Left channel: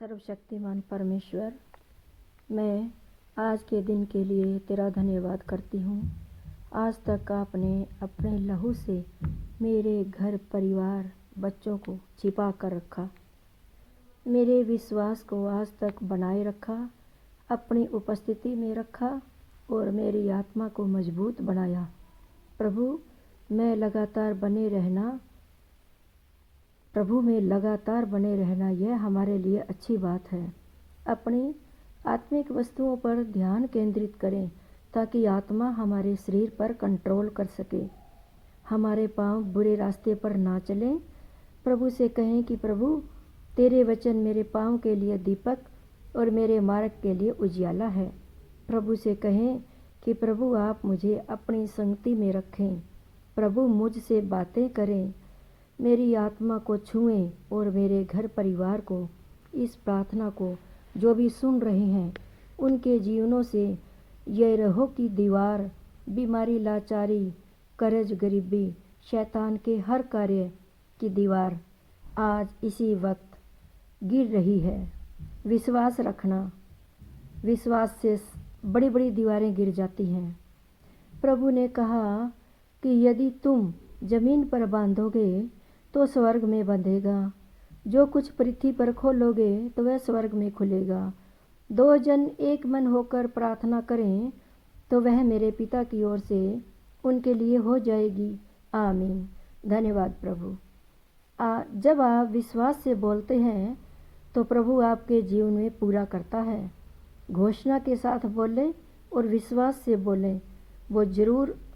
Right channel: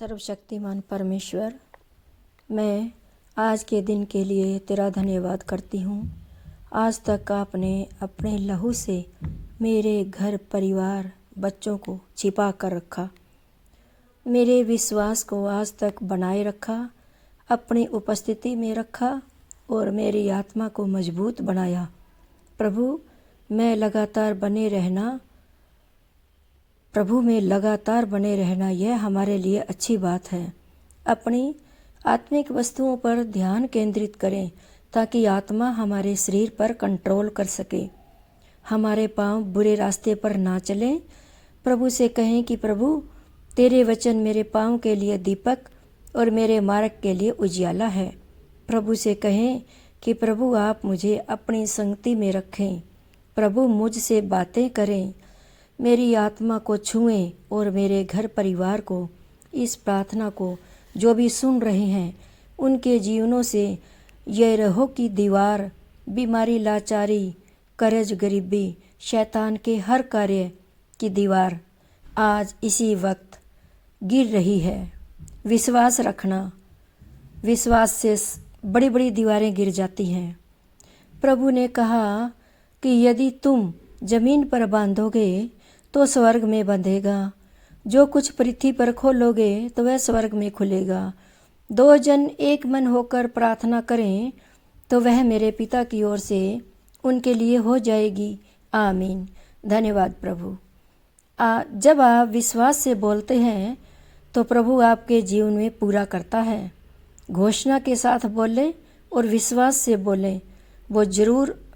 सर्वशक्तिमान परमेश्वर, मैं आज के दिन के लिए तेरा धन्यवाद करती हूँ। आज तक आपने अपने लहू से मेरे घर परिवार बच्चों को छिपा कर रखा, मेरे विश्वास को आज तक बनाए रखा, अपनी उपस्थिति में रखा और मेरी आत्मा को मजबूत बनाया। प्रभु में लगातार बने रहना यह हमारे लिए अच्छी बात है। अपनी आत्मिक वस्तुओं पर ध्यान केंद्रित करें ताकि आत्मा हमारे शरीर पर कंट्रोल कर सके, हमारे पांव बुरे रास्ते पर ना चलें। प्रभु से कहें कि प्रभु तेरे वचन मेरे पांव के लिए दीपक और मेरे मार्ग के लिए उजियाला है। प्रभु से कहें कि प्रभु आप मुझे अपनी संगति में रखें। प्रभु मुझसे बातें करें, मेरी आत्मा को छुएं और मेरे घर परिवार को, इस प्रार्थना को जो भी सुन रहे हैं उनके जीवनों से यरीहो की दीवार, बीमारी, लाचारी, कर्ज, गरीबी, शैतान के हर कार्य की दीवार आज इसी वक्त गिर रही है। विश्वास रखना, विश्वास से बड़ी बड़ी दीवारें गिर जाती हैं। प्रभु ने कहा कि यदि तुम जमीन पर बांधोगे तो स्वर्ग में बंधेगा, जो कुछ पृथ्वी पर खोलोगे तो वह स्वर्ग में खुलेगा। दो जन एक मन होकर प्रार्थना करें तो वह मेरे पिता की ओर से उनके लिए हो जाएगी। आमीन। धन्यवाद प्रभु। जब आप विश्वास से बोलते हैं तो प्रभु आपके जीवन में पूरा करता है। घोषणा के साथ बोलें और विश्वास से बोलें, वो ज़रूर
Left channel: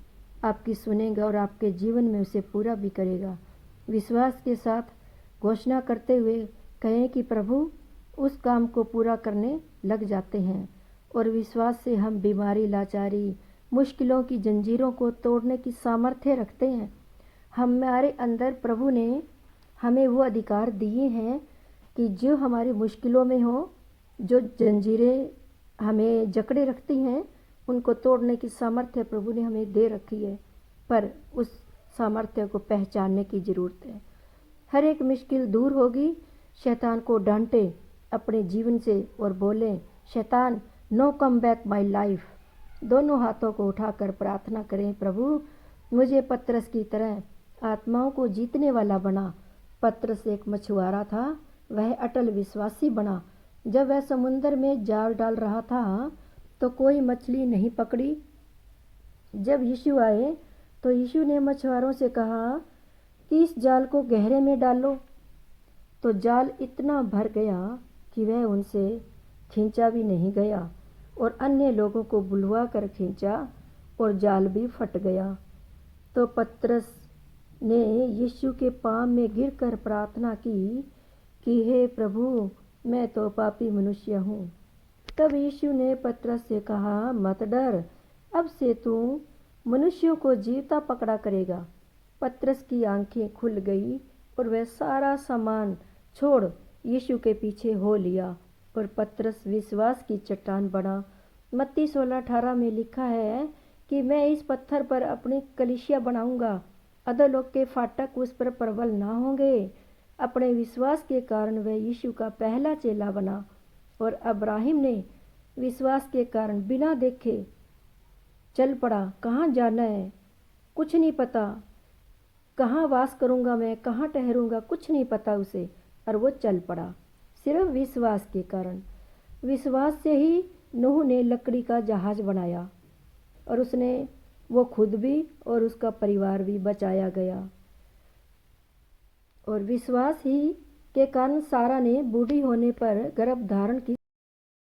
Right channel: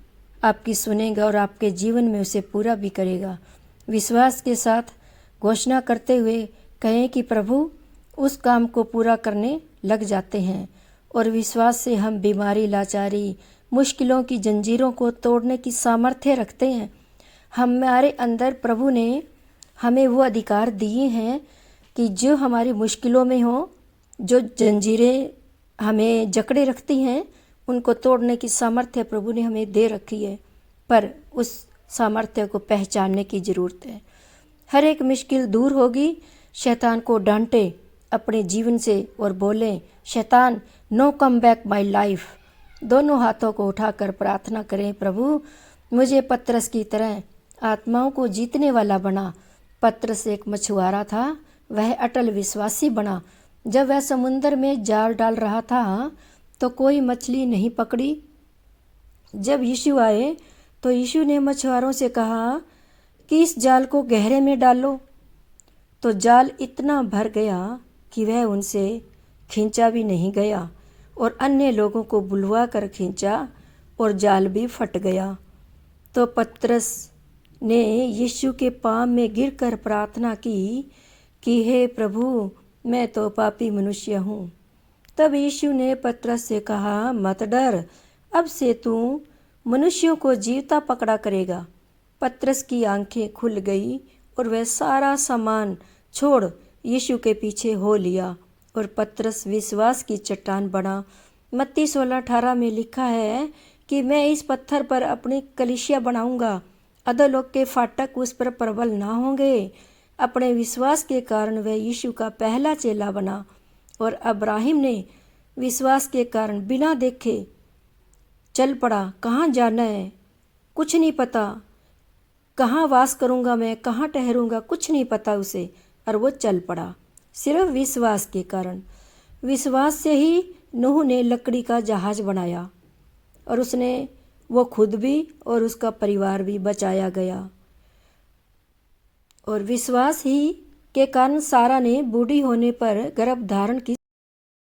आपकी सुनेगा और आपके जीवन में उसे पूरा भी करेगा। विश्वास के साथ घोषणा करते हुए कहें कि प्रभु उस काम को पूरा करने लग जाते हैं। और विश्वास से हम बीमारी, लाचारी, मुश्किलों की जंजीरों को तोड़ने की सामर्थ्य रखते हैं। हमारे अंदर प्रभु ने हमें वो अधिकार दिए हैं कि जो हमारी मुश्किलों में हो, जो जंजीरें हमें जकड़े रखती हैं, उनको तोड़ने की सामर्थ्य प्रभु ने हमें दे रखी है। पर उस सामर्थ्य को पहचानने की ज़रूरत है। हर एक मुश्किल दूर होगी। शैतान को डांटे अपने जीवन से और बोलें, शैतान no come back my life. दोनों हाथों को उठाकर प्रार्थना करें, प्रभु मुझे पतरस की तरह आत्माओं को जीतने वाला बना। पतरस एक मछुआरा था, वह अटल विश्वासी बना। जब वह समुद्र में जाल डाल रहा था तो कोई मछली नहीं पकड़ी। जब यीशु आए तो यीशु ने मछुआरों से कहा कि इस जाल को गहरे में डालो। तो जाल इतना भर गया कि वह उनसे खींचा भी नहीं गया और अन्य लोगों को बुलवा कर खींचा और जाल भी फट गया। तो पतरस ने यीशु के पाँव में गिरकर प्रार्थना की कि हे प्रभु, मैं तो पापी मनुष्य हूँ। तब यीशु ने पतरस से कहा, मत डर, अब से तू मनुष्यों को जीवता पकड़ा करेगा। पतरस की आंखें खुल गई और वह सारा सामान छोड़ यीशु के पीछे हो लिया और पतरस विश्वास की चट्टान बना। मत्ती 16:18 में लिखा है कि मैं इस पत्थर पर अपनी कलीसिया बनाऊंगा, अधोलोक के फाटक उस पर प्रबल ना होंगे। अपने विश्वास के कारण वह यीशु का पहला चेला बना। और अब्राहिम ने विश्वास के कारण बिना देखे चल पड़ा। कहाँ जाना है कुछ नहीं पता, कहाँ वास करूँगा मैं, कहाँ ठहरूँगा कुछ नहीं पता उसे, और वो चल पड़ा सिर्फ विश्वास के कारण। विश्वास से ही नूह ने लकड़ी का जहाज बनाया और उसने वो खुद भी और उसका परिवार भी बचाया गया। और विश्वास ही के कारण सारा ने बूढ़ी होने पर गर्भ धारण की